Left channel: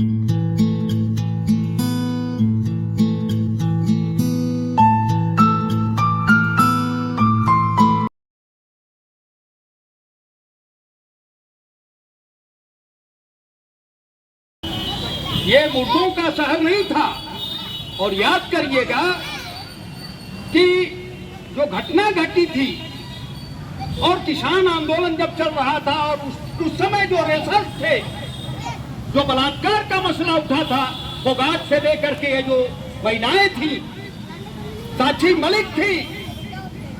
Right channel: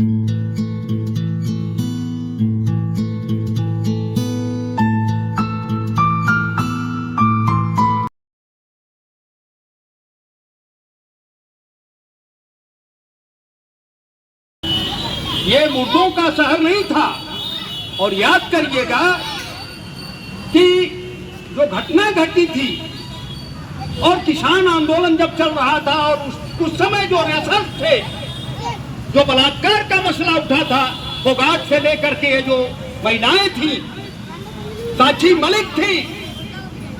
ये मुर्दों का शहर नहीं था। और याद करिएगा कि जो घटना घटी थी और किसान आंदोलन जब चल रहा था और उस समय जो रेसर्स थे, जो बलात्कार का मसला उठा था, फोगाट से लेकर के जो महिलाएं थी, साक्षी मलिक थी,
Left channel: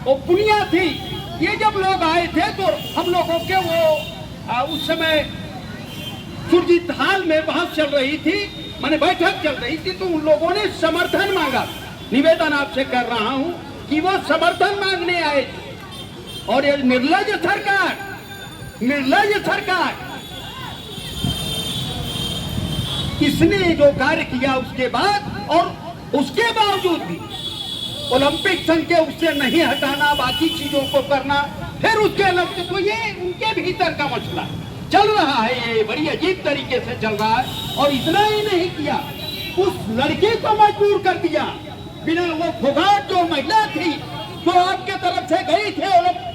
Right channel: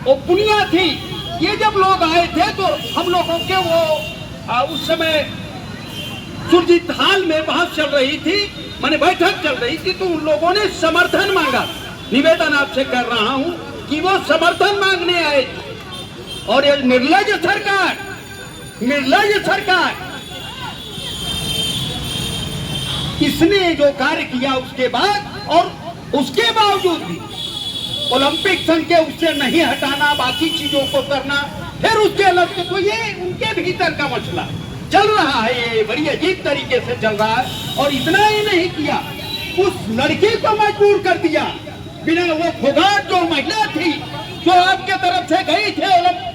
वो पुनिया थी, ये जब लोग आए थे तो हम लोगों के वो उस समय सुरजीत हाल में बहस चल रही थी, माने बैठक चल रही थी, तो उन लोगों ने समर्थन मांगा। निवेदन आपसे कर रहा हूं कि वो समर्थन मांगने आए थे। और ये निर्लज सरकार इसने जो कार्य किया उसके बाद, और उसके बावजूद भी ओलंपिक संघ के उससे नहीं हटाना, बाकी चीजों को करना, फिर उसके अलग तो ये उनके भीतर का मसला चल रहा है, ये बड़ी अजीब तरीके से चल रहा है। और इतना ही नहीं किया, उस लड़के को मजबूर कर दिया, बिना वो फोगाट जो महिला थी जो आपके तरफ से गई थे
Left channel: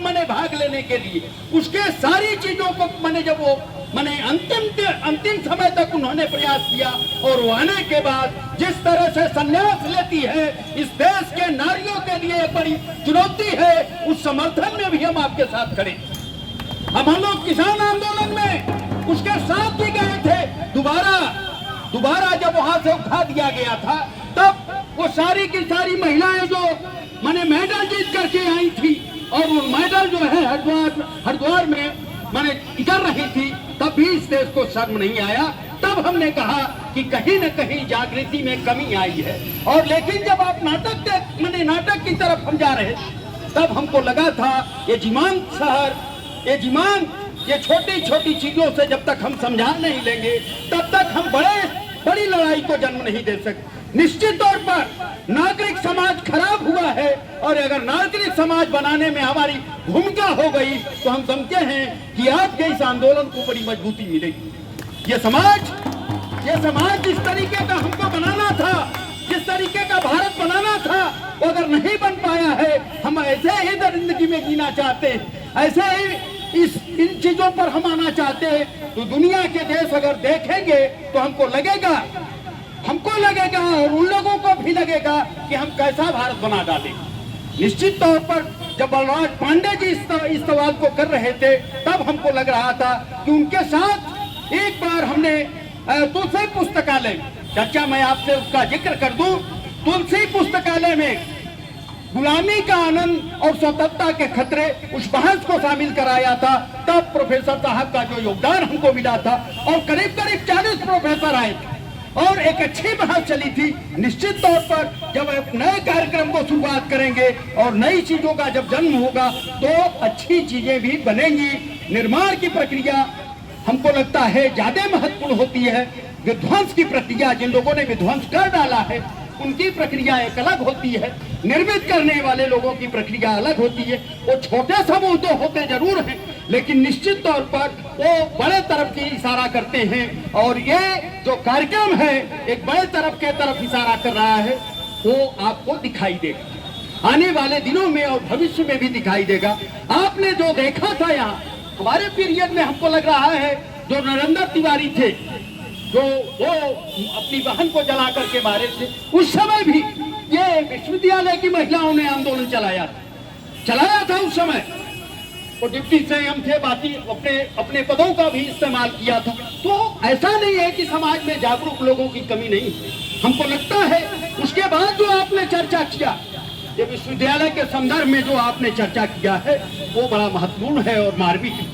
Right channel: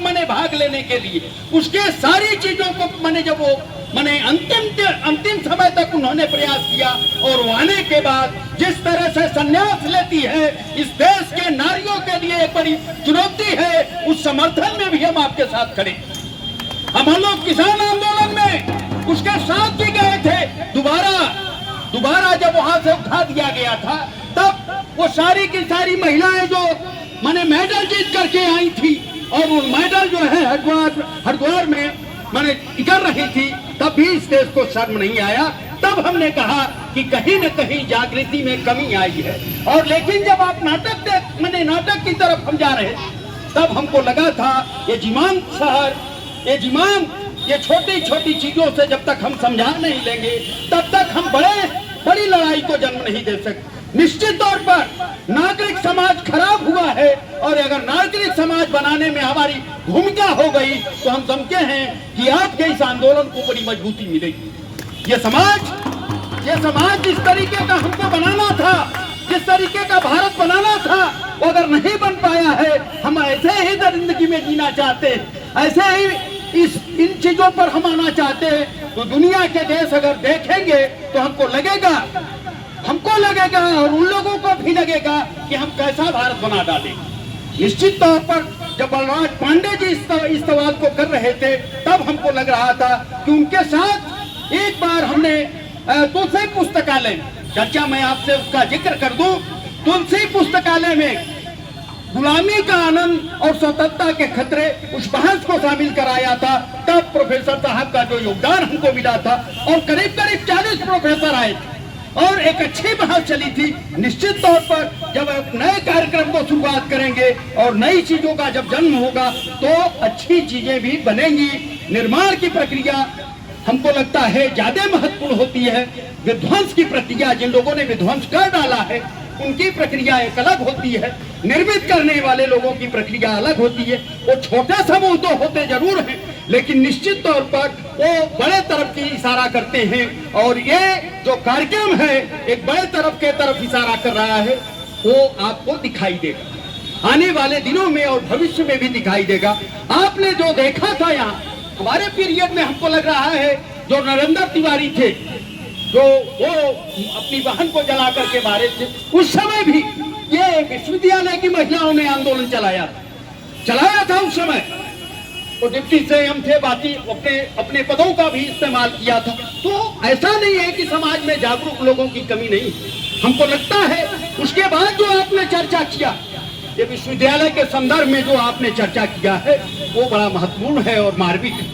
मैंने भाग लेने के लिए, उसके सारी चीजों को मैंने जब वो मैंने अंतिम समय तक उन्होंने प्रयास किया, और वो आने के बाद जिस तरह से संन्यास लेती है, इस देश के नारियों के लिए एक बड़ी चुनौती है, उस समर्थन में भी हम आपके साथ खड़े। हम लोग किसान आंदोलन में उसके साथ भी गए थे। दोबारा जब वहां से उठा दिया गया था, तब वो सारी की सारी महिलाएं जो मैंने मेडल जीत करके आई थी, और वो मेडल जो है हरिद्वार में मैंने टिकर रही थी, तब भी इस देश को शर्म नहीं आया। तब हमने कहा कि कहीं न कहीं जागृति में कमी आई है। और लेकिन जब आप नाटक की तरफ हम जा रहे, तब हमको लगा था ये छोटी छोटी चीजों से जब तक हम समझा नहीं लेंगे, तब तक हम बड़ी लड़ाई को जन्म नहीं दे सकते। निश्चित तौर पर नागरिक समाज खराब हुआ है, और अगर नागरिक समाज बनाने में हमारी भूमिका हो गई तो हम समझते हैं कि आपके इस आंदोलन को बड़ी मजबूती मिलेगी। ये समाज जिस तरीके का हमको बनाना था, जिस तरीके का भारत बनाना था, वो अगर नहीं बन पाया है, हम ऐसे ही जिंदगी में जीना चाहते हैं, ऐसे ही इन चीजों पर हम आना चाहते हैं, तो दुनिया के देश अगर देखेंगे तो हमको लगेगा और उन लोगों को भी लगेगा कि हम कैसा भारत बना डालें। निश्चित तौर पर जब बलराज पांडे जी इस सवाल को कर रहे थे, तब हमको लग रहा था कि उनके साथ एक बार हमने तुलसी पुस्तकालय चर्चा, मैं आपसे उसका जिक्र कर दूं, तुलसी पुस्तकालय में गुलामी का आनंद और स्वतंत्रता के खतरे उस बहस को शामिल कराया था। तब प्रोफेसर साहब का जो योगदान हमको मिला था, और करीब 40 प्रोफेसर आए और एक अच्छी बहस चली थी। निश्चित तौर पर जब एक नए कार्यक्रम को शुरुआत करेंगे और नई चीजों का जब जन्म होगा, तो अच्छी चीजें भी बनेंगी। निर्माण की प्रक्रिया हमको लगता है ज्यादा महत्वपूर्ण होती है। विध्वंस की प्रक्रिया, जिन लोगों ने विध्वंस कर डाला है, उनकी प्रक्रिया एक अलग होती है, निर्मित करने वाले लोगों की प्रक्रिया अलग होती है। वो छोटे समूह तो होते जरूर हैं, लेकिन निश्चित तौर पर वो बड़े तरफ की इशारा करते हैं, और ये जो कार्यक्रम है एक बड़े तरफ इशारा कर रहा है, वो आपको दिखाई देगा आने वाले दिनों में और भविष्य में भी दिखाई देगा। आपने जो देखा था यहाँ हमारे पीरियड में, हमको लग रहा है जो नरेंद्र तिवारी थे, जो वो अपनी बहन को जला करके मारे थे, उस समय भी ये विश्वविद्यालय की महिलाओं ने आंदोलन चलाया था उस समय। वो डिप्टी सीएम थे, बाकी अपने पदों का भी इस्तेमाल किया था। तो ऐसा नहीं है कि समाज में जागरूक लोगों की कमी नहीं है। हमको लगता है उसके बाद जो आपने चर्चा किया, ये विश्वविद्यालय के संदर्भ में जो आपने चर्चा किया है, वो बड़ा महत्वपूर्ण है और मार्मिक है।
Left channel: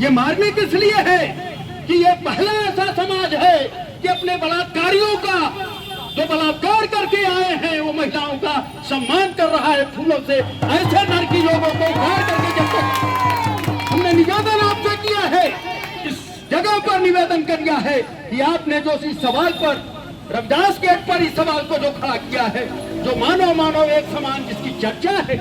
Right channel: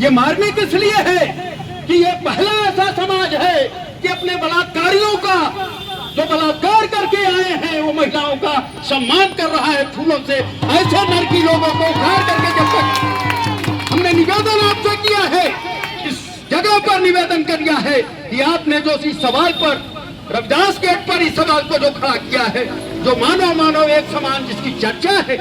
ये मार्मिक इसलिए है कि ये पहला ऐसा समाज है कि अपने बलात्कारियों का, जो बलात्कार करके आए हैं, वो महिलाओं का सम्मान कर रहा है फूलों से। ऐसे नरकी लोगों को उखाड़ करके, जब तक हमने निवेदन आपसे किया है, इस जगह पर निवेदन किया है कि आपने जो इस सवाल पर, रविदास गेट पर इस सवाल को जो खड़ा किया है, जो मानव एक समान जिसकी चर्चा है,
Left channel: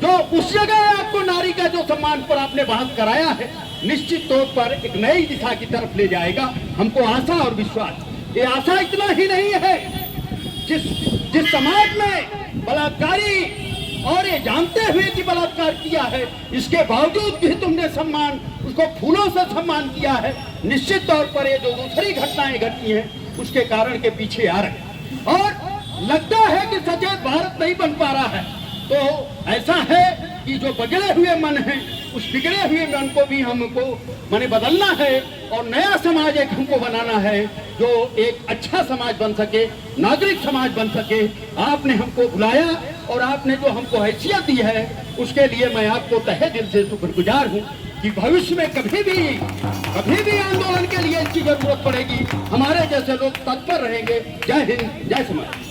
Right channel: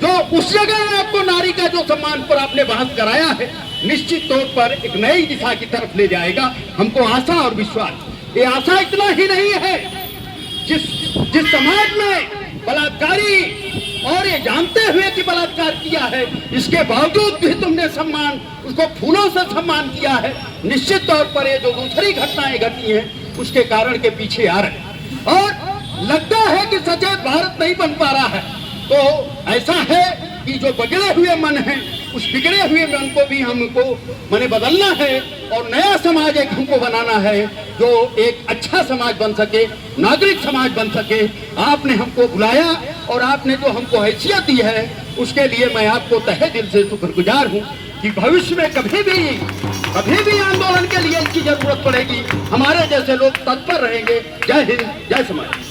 जो उस जगह आपको नारी का जो सम्मान पर आपने बहस कराया है, निश्चित तौर पर एक नई दिशा की तरफ ले जाएगा। हमको आशा और विश्वास। ये आशा इतना ही नहीं है, जिस जिस समाज में बलात्कारी और ये जानते हुए कि बलात्कार किया है, इसके बावजूद भी तुमने सम्मान, उसको फूलों से सम्मान किया है, निश्चित तौर पर ये जो दूसरी घटनाएं घटी हैं उसके कारण के पीछे आ रहे हैं। और लगता है कि सचेत भारत नहीं बन पा रहा है। तो ऐसा है कि जो बिगड़े हुए मन हैं, उस बिगड़े हुए मन को भी हमको माने बदलना है और नया समाज एक हमको बनाना है जो एक अच्छा समाज बन सके, नागरिक समाज बन सके। आपने हमको बुलाया और आपने जो हमको हैसियत दी है, उसके लिए मैं आपको तहे दिल से शुक्रगुजार हूँ कि भविष्य में कभी भी आंदोलन के लिए इसकी जरूरत पड़ेगी, हमारे जैसे लोग तत्पर रहेंगे। जय हिंद, जय समाज।